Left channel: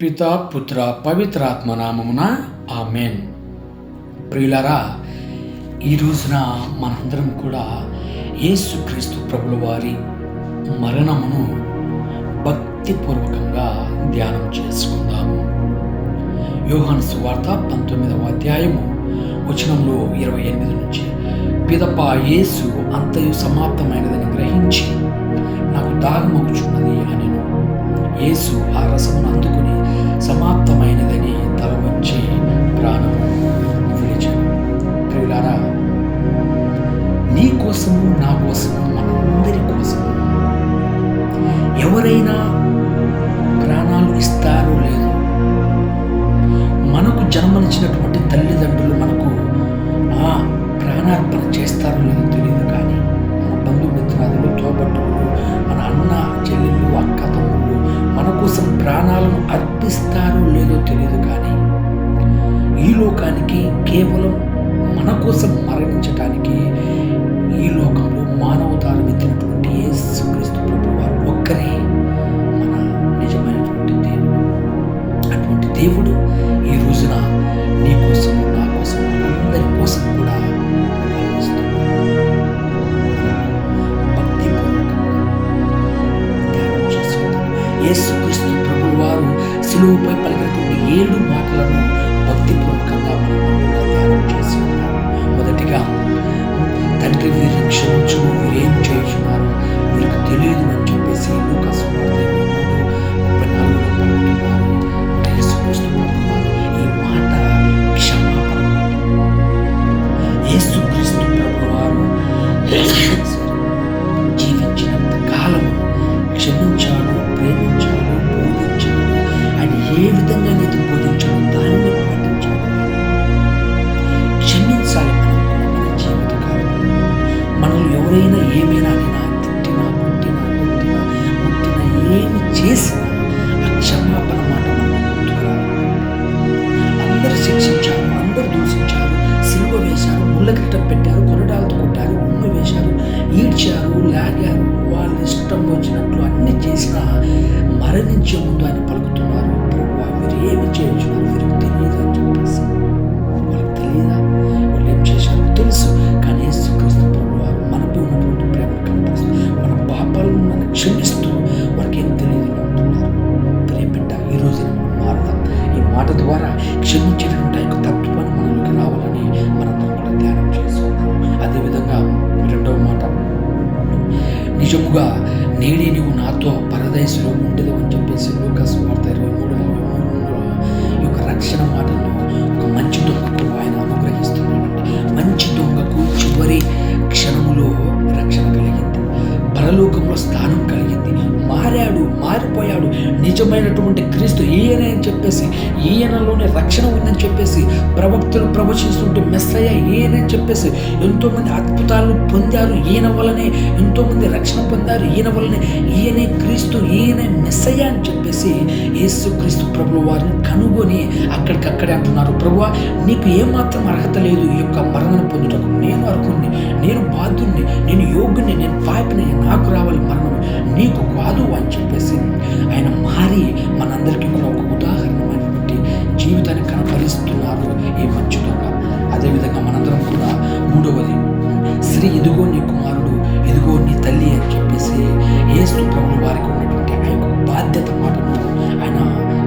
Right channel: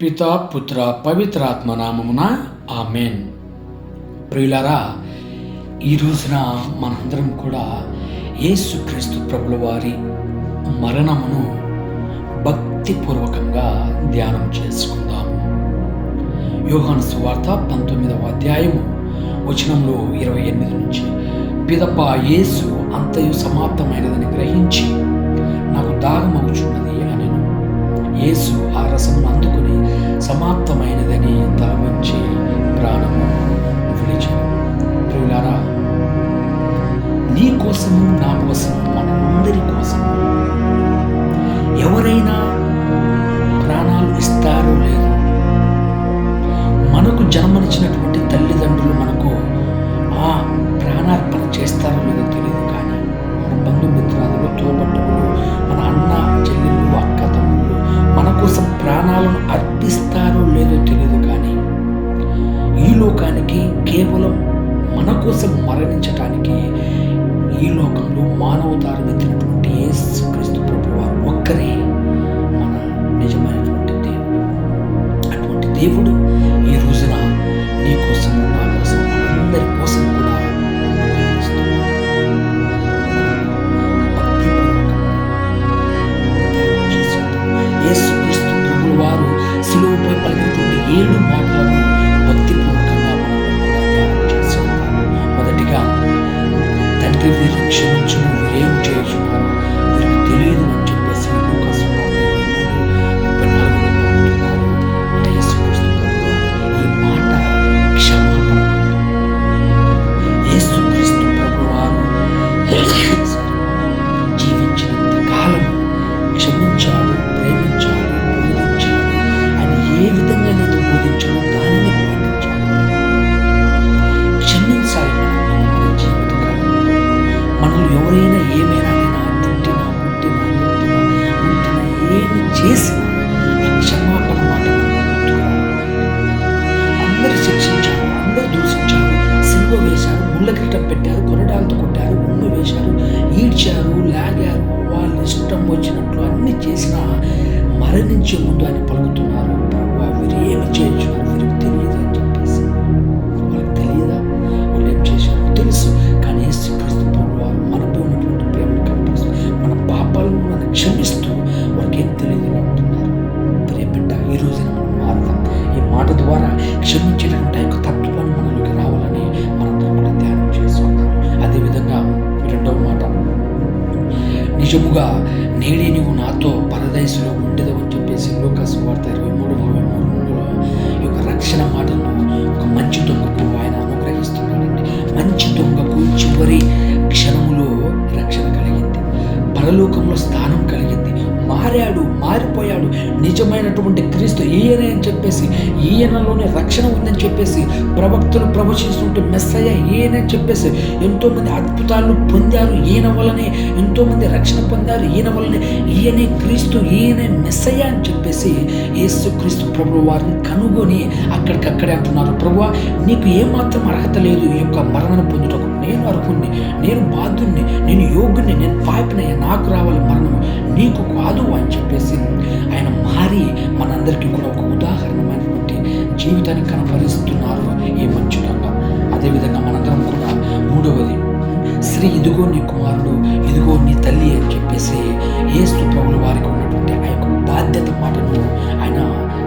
పితా పుత్ర పవిత్రాత్మ నామమున ఆమెన్. ప్రియులారా, ఈ రోజున మనందరం కూడా యేసుక్రీస్తు ప్రభుల వారి మరణమును భక్తిపూర్వకంగా ధ్యానం చేసుకుందాము. యోహాను సువార్త 19వ అధ్యాయము వచనంలో 28 నుంచి, పిదప యేసు అంతయు సమాప్తమైనదని గ్రహించి నాకు దాహమగుచున్నది అనెను. యేసు ఆ రసమును అందుకుని సమాప్తమైనదని తల వంచి ప్రాణము విడిచెను. ప్రియులారా, నీ కోసము, నా కోసము, మనందరి కోసము ఎవరైనా ప్రాణాలు ఇస్తారో లేదు. మనకు జన్మనిచ్చినటువంటి తల్లిదండ్రులు మనకు ఆ ప్రాణార్పణ చేస్తారో లేదో తెలియదు, కానీ మన బంధుమిత్రాదులు, తోబట్టువులు, మన అన్న చెల్లెళ్ళు, అక్క తమ్ముళ్ళు మన కోసం ప్రాణాలను అర్పిస్తారో లేదో తెలియదు, కానీ ఈ లోకానికి కేవలం మన కోసం మరణించటానికి ఈ లోకంలో మానవతారం ఎత్తినటువంటి యేసుక్రీస్తు ప్రభువు వారు ఒక్కరే మన నిజమైనటువంటి దేవుడు. అటువంటి దేవుడు ఈ రోజున నీ కోసం, నా కోసం, అందరి కోసం కూడా యేసుక్రీస్తు ప్రభువు వారు సిలువపై పలికినటువంటి 7 మాటలను భక్తిపూర్వకంగా మనం కూడా ధ్యానం చేసుకుంటాము. మొదటిగా, తండ్రి వీరిని క్షమించుము, వీరేం చేయుచున్నారు, వీరికి తెలియదు అని చెప్పేసి లూకా సువార్త 23:34 పలుకుతున్నారు. యేసుక్రీస్తు ప్రభువు వారు ఈ మాట క్షమాపణ. యేసుక్రీస్తు ప్రభువు వారు జీవించినంత కాలము క్షమించాడు, ప్రేమించాడు, బోధించాడు. ఆయన ఏ విధంగా అయితే బోధించాడో దానిని పాటించాడు. క్షమించాలి మనం మన జీవితకాలం. మనల్ని ఎవరైనా ఏమైనా అయినా తిట్టినా, పుట్టినా, ఎత్తినా, ముట్టినా, ఏమి చేసినా ఆ క్షమాపణ మాట మనం గుర్తుకురావాలి. అందరూ శిక్షించారు, అందరూ దూషించారు, సిలువ వేశారు, ముళ్ళ కిరీటం పెట్టారు, కొరడాలతో కొట్టారు, ఉమ్మి వేశారు, ఈడ్చారు, లాగారు, వాళ్ళు ఇష్టం వచ్చినట్లు అన్ని చేసినా మరణించే ముందు ఆయన పలుకుతున్నారు, ప్రభువా వీరు ఏమి చేయించున్నారు, వీరికి తెలియదు అని చెప్పేసి. వాళ్ళకి తెలియదా వాళ్ళు ఏం చేశారో? తెలుసు. కానీ యేసుక్రీస్తు ప్రభువు వారు మనపై ఉన్నటువంటి ప్రేమను కనపరుస్తూ, మన పాపాలను మనం క్షమిస్తూ వారికి ఏం తెలియదు అంటున్నారు. ప్రియబిడ్డ, ఈ రోజున మనం మారుదాం. ఈ మాట ద్వారా క్షమించేటటువంటి యొక్క తత్వాన్ని మనలోకి రావాలని మనందరం కూడా ధ్యానం చేసుకుందాం. అదేవిధంగా రెండవ మాట, నిజముగా నేడే నువ్వు నాతో పరదైసులో ఉండేదు అని చెప్పేసి లూకా సువార్త 23:43 ఈ యొక్క రక్షణ మాటను ఒక మంచి దొంగకు ఆయన అనుగ్రహిస్తున్నాడండి. మంచి దొంగకు చివరి క్షణములో రక్షణ కలిగింది, పరలోకంలో స్థానం కలిగింది, మారాడు, మారిపోయాడు. నిజమైనటువంటి క్రీస్తు ఈయనే అని చెప్పేసి, ఈయనలోనే రక్షణ ఉందని చెప్పేసి ప్రవక్తలు ప్రవచిస్తుంటే మెస్సయ్య ఈయనే అని చెప్పేసి ఎంతోమంది అద్భుతాలను పొందారు. ఈయన వలనే ఎంతోమంది రక్షణ పొందారు. ఈయన వలనే, ఈయనే క్రీస్తు, ఈయనే మెస్సయ్య అని చెప్పేసి యేసుక్రీస్తు ప్రభువు వారిని కనుగొని అక్కడికక్కడే అంటున్నారు, ప్రభువా నీకు ఏమాత్రం అర్హత లేదు ఈ యొక్క మరణం పొందుటకు. నేను అర్హుణ్ణి, నేను బాధ్యుణ్ణి, నేను యోగ్యుణ్ణి, నేను పాపినయ్య, నాకు రావాలి మరణము, నీకు కాదు అని చెప్పేసి ఆయన మారి మనందరికీ కూడా ఒక ఉదాహరణమైనటువంటి జీవితాన్ని కనపరుస్తున్నారు ఈ మంచి దొంగ. అదేవిధంగా మనందరం కూడా మూడవది, శ్రీ ఇదిగో నీ కుమారుడు, ఇదిగో నీ తల్లి అని చెప్పేసి యేసు ప్రభువు వారికి ఉన్నటువంటి ఆ యొక్క బాధ్యత మాటను ఆయన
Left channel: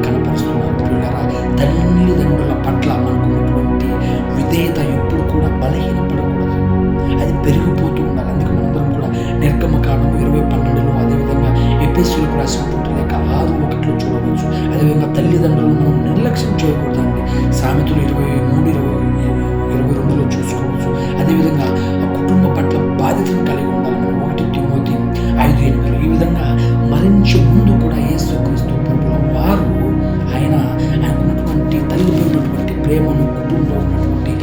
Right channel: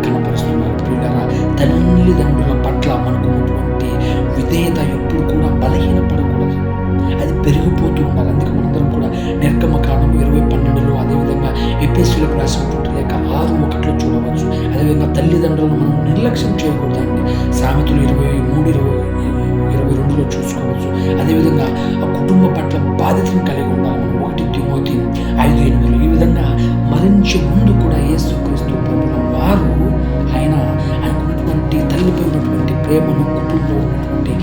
కనపరుస్తున్నారు. ప్రియులారా, తల్లిదండ్రుల పట్ల మనకున్నటువంటి విధేయత ఎప్పుడు కూడా బలహీనపడకూడదు, అది పెరిగిపోతూ ఉండాలి. అందుకే మనందరం కూడా నిర్గమకాండము 20:12 అదేవిధంగా ఎఫెసీయులకు రాసినటువంటి లేఖ 6:1 చూడవచ్చు. అదేవిధంగా తల్లిదండ్రులను మనం నిర్లక్ష్యం చేయకూడదండి. సామెతలు 23:22 చూసుకోవచ్చు. అదేవిధంగా ఆ కుటుంబ పట్ల బాధ్యతను కలిగి ఉండాలి మనం. 1 తిమోతి 5:8 ఈ విధంగా మరణించే ముందు కూడా యేసుక్రీస్తు ప్రభువుల వారు ఆయనకున్నటువంటి తల్లిపై ఉన్నటువంటి ప్రేమను, కుటుంబంలో ఉన్నటువంటి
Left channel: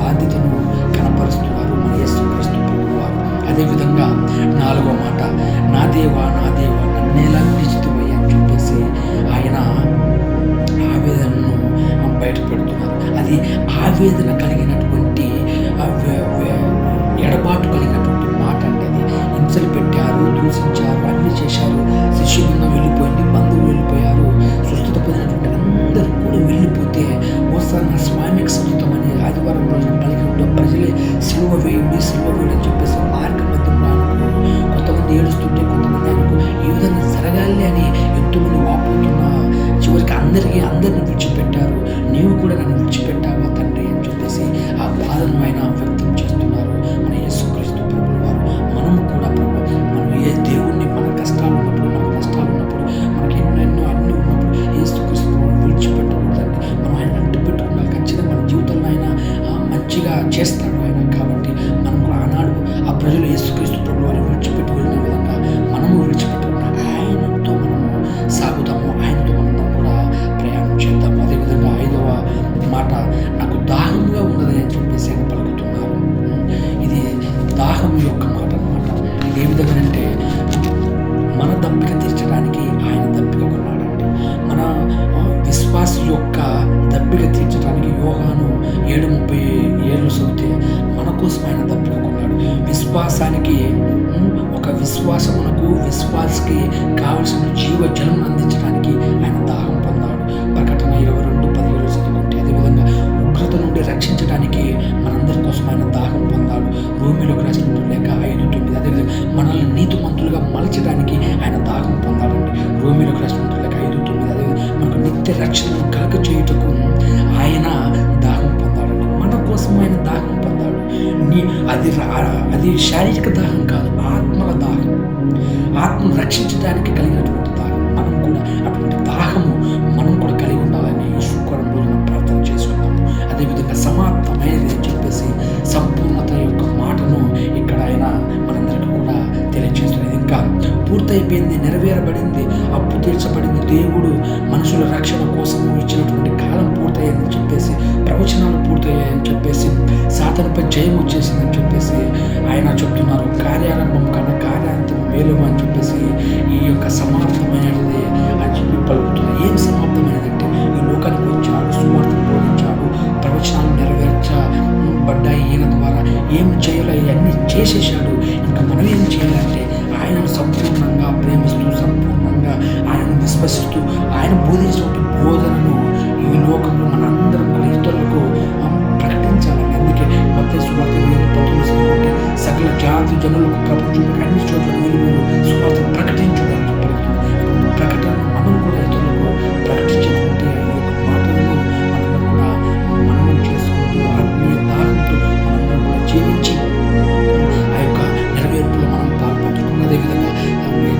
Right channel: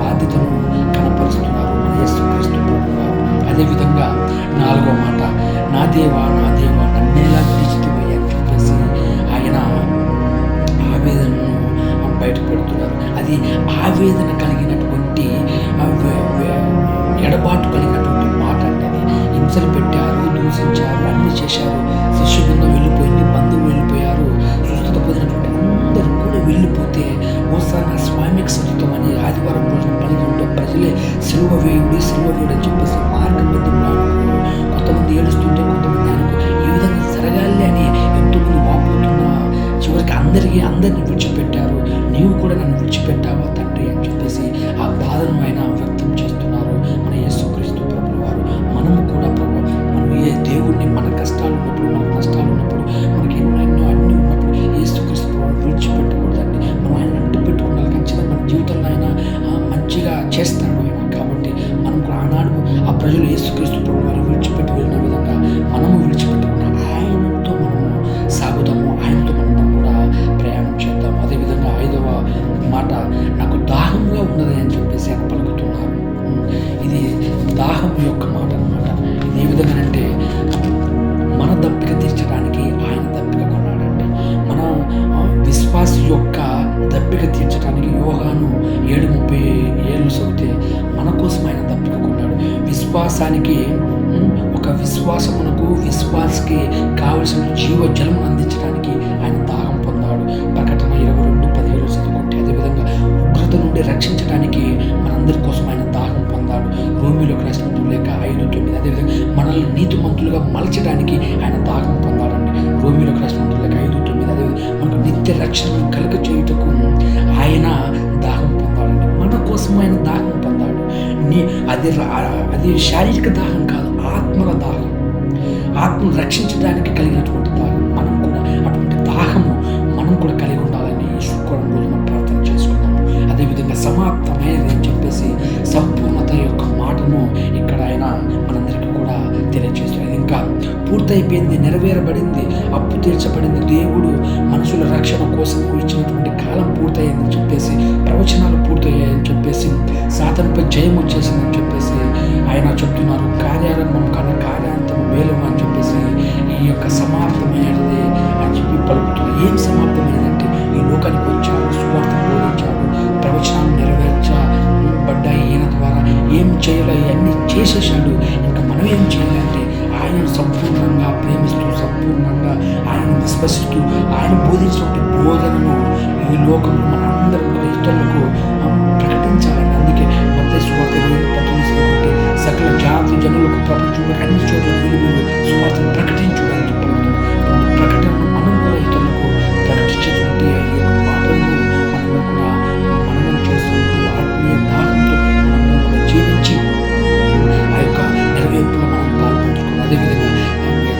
బాధ్యతను కనపరుస్తున్నారు మన యేసుక్రీస్తు ప్రభువు వారు. అదేవిధంగా 4వ మాట, నా దేవా నా దేవా నన్నేలా విడిచితివయ్యా అని చెప్పేసి ఆయన ఆవేదనను బయట పెడుతున్నారు. అది ఆవేదన కలిగినటువంటి ఎడబాటు కలిగినటువంటి మాట అంటే అది హింసలు పెట్టారు, దూషించారు, అన్ని చేశారు. శిష్య బృందం వెళ్ళిపోయింది, బంధువులు వెళ్ళిపోయారు, స్వస్థత పొందినటువంటి ధార్మిక సంయుతమని ఆదివారం రోజున పలికి ఉంటే ప్రజలే సిలువ వేయుడి అని చెప్పేసి మార్గ మధ్యంలో ఆయనకు కొంతమంది ఏడుస్తుంటే కొంతమంది ఆయనకు ఈ విధంగా జరగాలి అని ఎంతోమంది వాపోతున్నా చివరికి అందరిని విడిచిపెట్టారు. నీవు కూడా నన్ను విడిచిపెట్టావా తండ్రి అని చెప్పేసి ఆ బాధను ఆయన వ్యక్తం చేస్తున్నారు మన యేసుక్రీస్తు ప్రభువు వారు. మనము కూడా ప్రభు మనం ఏ దేవుణ్ణి మన కష్టాలు ఉన్నప్పుడు, మనకు నష్టాలు ఉన్నప్పుడు, మనకి ఎన్నెన్నో అన్నీ ఉన్నప్పుడు యేసుక్రీస్తు ప్రభువుని విడిచిపెట్టకూడదండి. మనం ఆయన అంటు పెట్టుకున్నాను. ఖచ్చితంగా మన జీవితంలో ఆయన మంచిగా చేస్తాడు ఆయన. కాబట్టి మనం కూడా ఆనాడు ఆ ప్రజలు యేసుక్రీస్తు ప్రభువు వారిని విడిచిపెట్టి వెళ్ళిన విధంగా మనము విడిచిపెట్టకుండా ఆయనతో మనము సాగుదాము, ఆయనతో మనం కూడా ప్రయాణం చేద్దాము. అదేవిధంగా 5వ మాట, నాకు దాహంగా ఉన్నది అని చెప్పేసి ఆయన పలుకుతున్నారు. ఇది దాహం యొక్క మాట అన్నమాట. ఇది ఏ విధంగానంటే మన దప్పిక తీర్చడానికి ఆయన దప్పిక కొన్నాడండి. మన విశ్వాస యొక్క దప్పిక తీర్చడానికి యోహాను 7:37 చదివితే మన కోసం ఆయన దప్పిక కొన్నాడు. విశ్వాసానికి ఒక విశ్వాసకి కావలసిన జీవ జలమును అందించడానికి ఆయన దాహం పొందాడు. ప్రకటన 22:17 చదువుకుంటే అదేవిధంగా ఉగ్రత నుండి రక్షించడానికి మనందరి కోసం ఆయన దాహం పొందాడు. రోమిలోకి రాసిన లేక 5:9. అదేవిధంగా మనల్ని నీతిమంతులుగా మలచడానికి ఆయన దాహం పొందాడండి. రోమిలోకి రాసిన లేక 5:9. అదేవిధంగా మనకు నిత్య రక్షణను కలుగ చేయుటకు ఆయన దాహం పొందాడండి. మన కోసం ఆయన దాహం పొందాడు. అది శారీరక దాహం కాదు, ఆత్మల దాహం, ఆత్మను రక్షించడానికి కలిగినటువంటి దాహం. మనం కూడా అటువంటి దాహము మనం కూడా కలిగి ఉండాలని ఈ శుక్రవారం రోజున ప్రార్థన చేసుకున్నాము. అదేవిధంగా సమాప్తమైనది అని చెప్పేసి సంపూర్ణత యొక్క మాటను ఇక్కడ ఆయన మనందరికీ కూడా తెలియజేస్తున్నారు. ఇంకా పూర్తయిపోయింది, నెరవేరబడింది, అప్పు తీర్చబడింది, దేవుడు మనుషుల రక్షణ కోసం ఇచ్చినటువంటి కాలం పూర్తయిందని చెప్పేసి, ప్రవచనాలు పూర్తయ్యాయని చెప్పేసి, సాతానుపై జయం వచ్చేసిందని చెప్పేసి ఆయన చెప్తున్నారు. కార్యారంభం కన్నా కార్యాంతం మేలు అని చెప్పేసి ఈ యొక్క సమాప్తమైనది అని చెప్పి పలుకుతున్నారు. ఏం సమాప్తమైనదంటే ఈ లోకానికి వచ్చాడు, సువార్తను బోధించాడు, ప్రవచనాలు నెరవేర్చబడ్డాయి ఈయన ద్వారా. ఏం చేయాలో ఇవన్నీ చేసేసాడు. ఇంకా మనం ఏం చేయాలంటే ఆయనను సంపూర్ణంగా ప్రేమిస్తూ, సంపూర్ణంగా ఆయనను విశ్వసిస్తూ, ఆయన బోధించినటువంటి బోధనను ఈ లోకంలో మనందరం కూడా ఇతరులకు ప్రకటించాలని. అందుకే మత్తయి సువార్త 20:19 సకల జాతి జనులకు ప్రపంచంలో అన్ని చోట్ల వెళ్ళి మీరు సువార్తను ప్రకటించడానికి పలుకుతుంది. ప్రకటనను మనం కూడా ఇతరులకు ప్రకటించేటువంటి ఈ యొక్క మాటలను మనం కూడా మననం చేసుకుంటూ ఆత్మీయ దాహంతో మనందరం కూడా జీవించి ఆ యొక్క నెరవేర్పులో మనం పాల్పంచుకున్నాం. అదేవిధంగా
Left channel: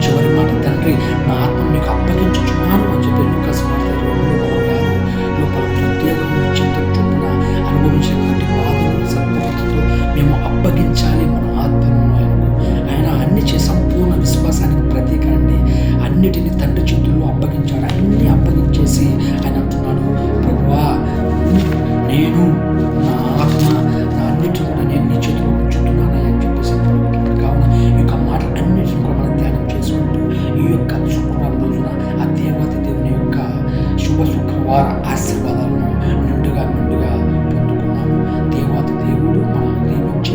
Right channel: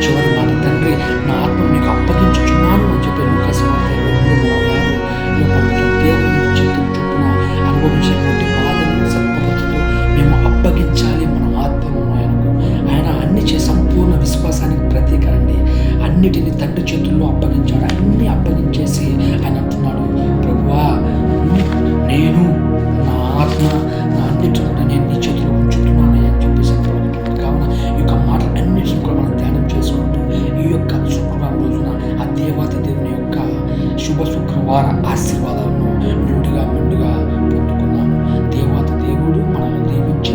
చివరి మాట, తండ్రి నా ఆత్మను నీకు అప్పగించుచున్నాను అని చెప్పి లూకాసు వార్త 2:26 పలుకుతుంది. దేవుని చిత్తం చొప్పున అనుభవించినటువంటి బాధను సత్ప్రవర్తనతో మేము అప్పగించాలి మన ఆత్మను ఆయనకు. ఆయన అన్ని సంపూర్ణ విశ్వాసానికి ప్రతీక అండి. అన్నిటిని తండ్రి చేతుల్లో అప్పగించాడు. అన్నీ అప్పగించేసి ఆయన అంటున్నాడు, ప్రభువా నేను నా ఆత్మ నా అన్నిటిని కూడా నేను నీ చేతిలో ఉంచుతున్నానని అని చెప్పేసి పలుకుతున్నాడు. కావున ఈ యొక్క మాటలు అన్నిటిని కూడా మనం ధ్యానం చేసుకుంటూ ఈ యొక్క శుక్రవారం రోజున ఆ దేవాది దేవుని యొక్క శుభ శుక్రవార ఆశీర్వాదాలను మెండుగా పొందుకున్నాము. దేవాది దేవుడు మనల్ని దీవించి